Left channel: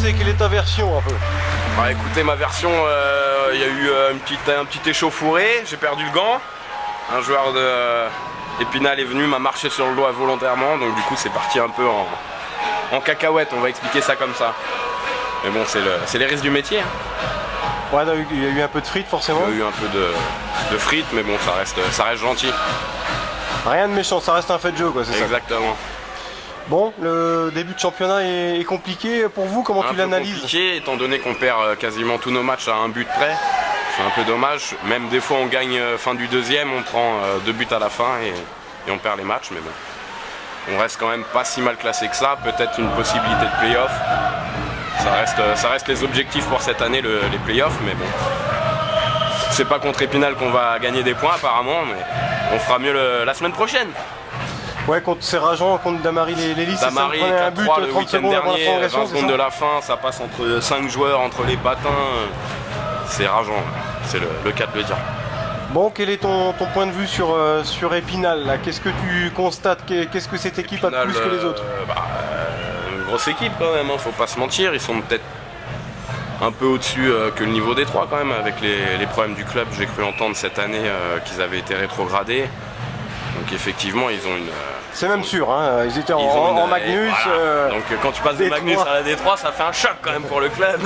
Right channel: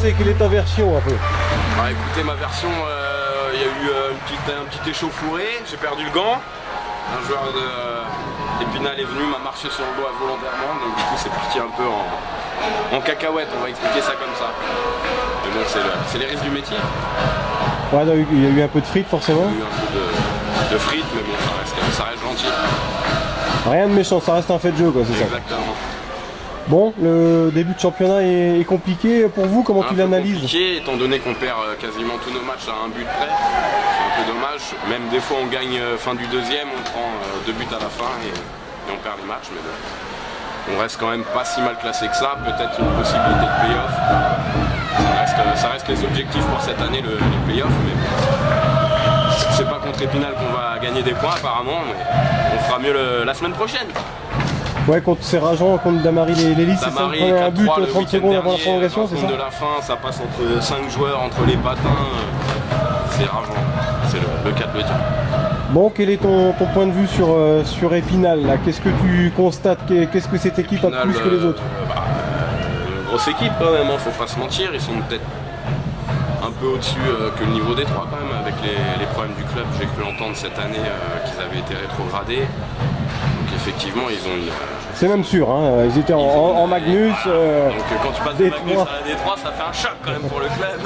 passé? Quelle est ta version un peu? Ah, écoutez, ma version, il y a eu un petit échauffouré, j'ai perdu le gant. Un joueur d'Épinal est venu, m'a marché sur le doigt volontairement, donc du coup c'est parti un peu en cacahuète, on va expliquer ça comme ça. Mais bon, c'est les risques du métier. Ouais, il y a eu un peu de frites forcément. Il y a eu un peu de frites, mais bon, ça reste gentil. Rien de méchant, ça reste un fait de jeu quoi, c'est ça? Exactement. Bon, le début de championnat est compliqué pour vous, comment tu l'analyses? Compliqué, étant donné qu'on perd quasiment tous nos matchs à un but près. C'est un peu dommage, même des fois on gagne fin du deuxième, on prend 2 buts à la fin et on perd les matchs, mais bon. On reste quand même pas si mal classé que ça, peut-être une possibilité de play-off. Ça reste les objectifs pour cette année, les play-offs, mais bon. C'est pas contre Épinal qu'on va gagner des points apparemment, mais on fera mieux la semaine prochaine. Ouais, contre Serrageant, contre Damary les listes. Damary 4-3 le week-end dernier, 20 secondes de la fin, ça passe entre 5 joueurs, entre les patins. C'est rageant, c'est le cas de le dire. Bon, quel est ton point de vue sur Épinal là? Qu'est-ce que tu constates? Qu'est-ce que cette équipe a de plus que les autres? Une grosse équipe quand même, hein, faut pas se mentir. Ils sont peut-être un peu au-dessus que le niveau des trois quand même, avec les problèmes du club. J'ai cru entendre cette année qu'ils avaient été rétrogradés. Donc effectivement, ils ont une... C'est même sûr, hein, ils étaient en Magnus. Voilà. Donc quand tu passes de Magnus à la D3, ça fait un choc quand même pour le club.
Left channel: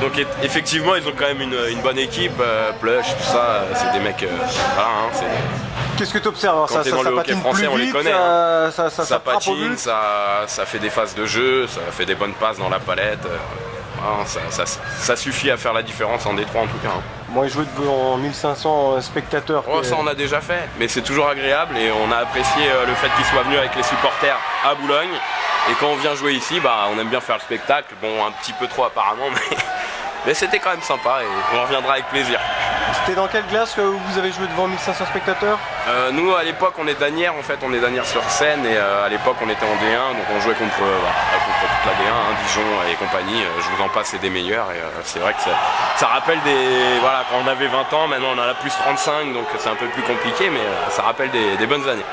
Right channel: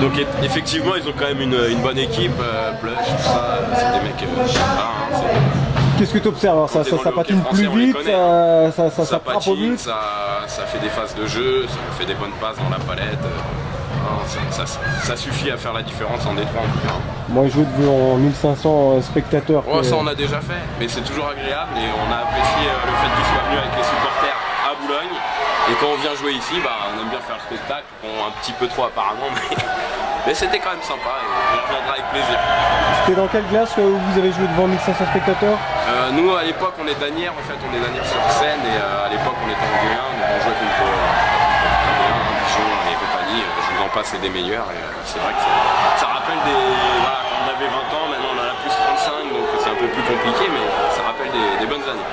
Donc effectivement, ils ont quand même une bonne équipe, Plush, tout ça, c'est des mecs... voilà, hein, qu'est-ce que tu observes? Quand t'es dans le hockey français, on les connaît. Ça patine, ça fait des phases de jeu, ça fait des bonnes passes dans la palette. Ça suffit à faire la différence en D3 en tout cas. Moi, ils jouaient devant 1500 spectateurs. Oh, ça on a déjà fait, mais c'est toujours agréable et on a apprécié le fait qu'ils soient venus avec les supporters à Boulogne. Et quand on vient jouer ici, on aime bien faire le spectacle. Bon, un petit peu trop apparemment, mais c'était quand même sympa et on reviendra avec plaisir. C'était dans quelle glace où vous avez joué devant 1500 spectateurs? Nous à l'époque on est d'Anières en fait, on est d'Anières sur Seine et à l'époque on était en D1, donc on jouait contre toute la D1, hein, Dijon et compagnie, je vous en passe c'est des meilleurs et c'est vrai que ça rappelle voilà, quand on avait 20 ans, maintenant on en a plus 35 donc c'est un peu plus compliqué mais ça rappelle des bonnes années.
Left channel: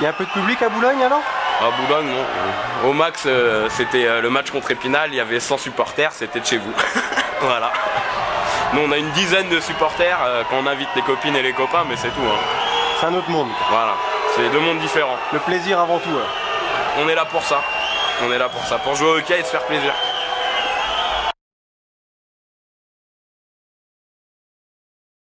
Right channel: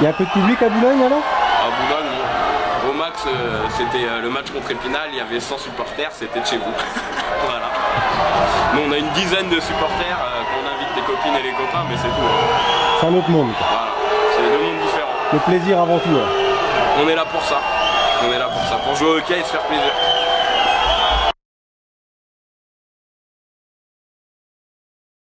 Il y a un peu de public à Boulogne alors? À Boulogne non, au max c'était le match contre Épinal, il y avait 100 supporters, c'était de chez vous. Voilà. Nous on a une dizaine de supporters quand on invite les copines et les copains, mais c'est tout. Hein. C'est un autre monde. Voilà, c'est deux mondes différents. Le plaisir avant tout. Hein. On est là pour ça. On est là pour ça, pour jouer au hockey et se faire plaisir.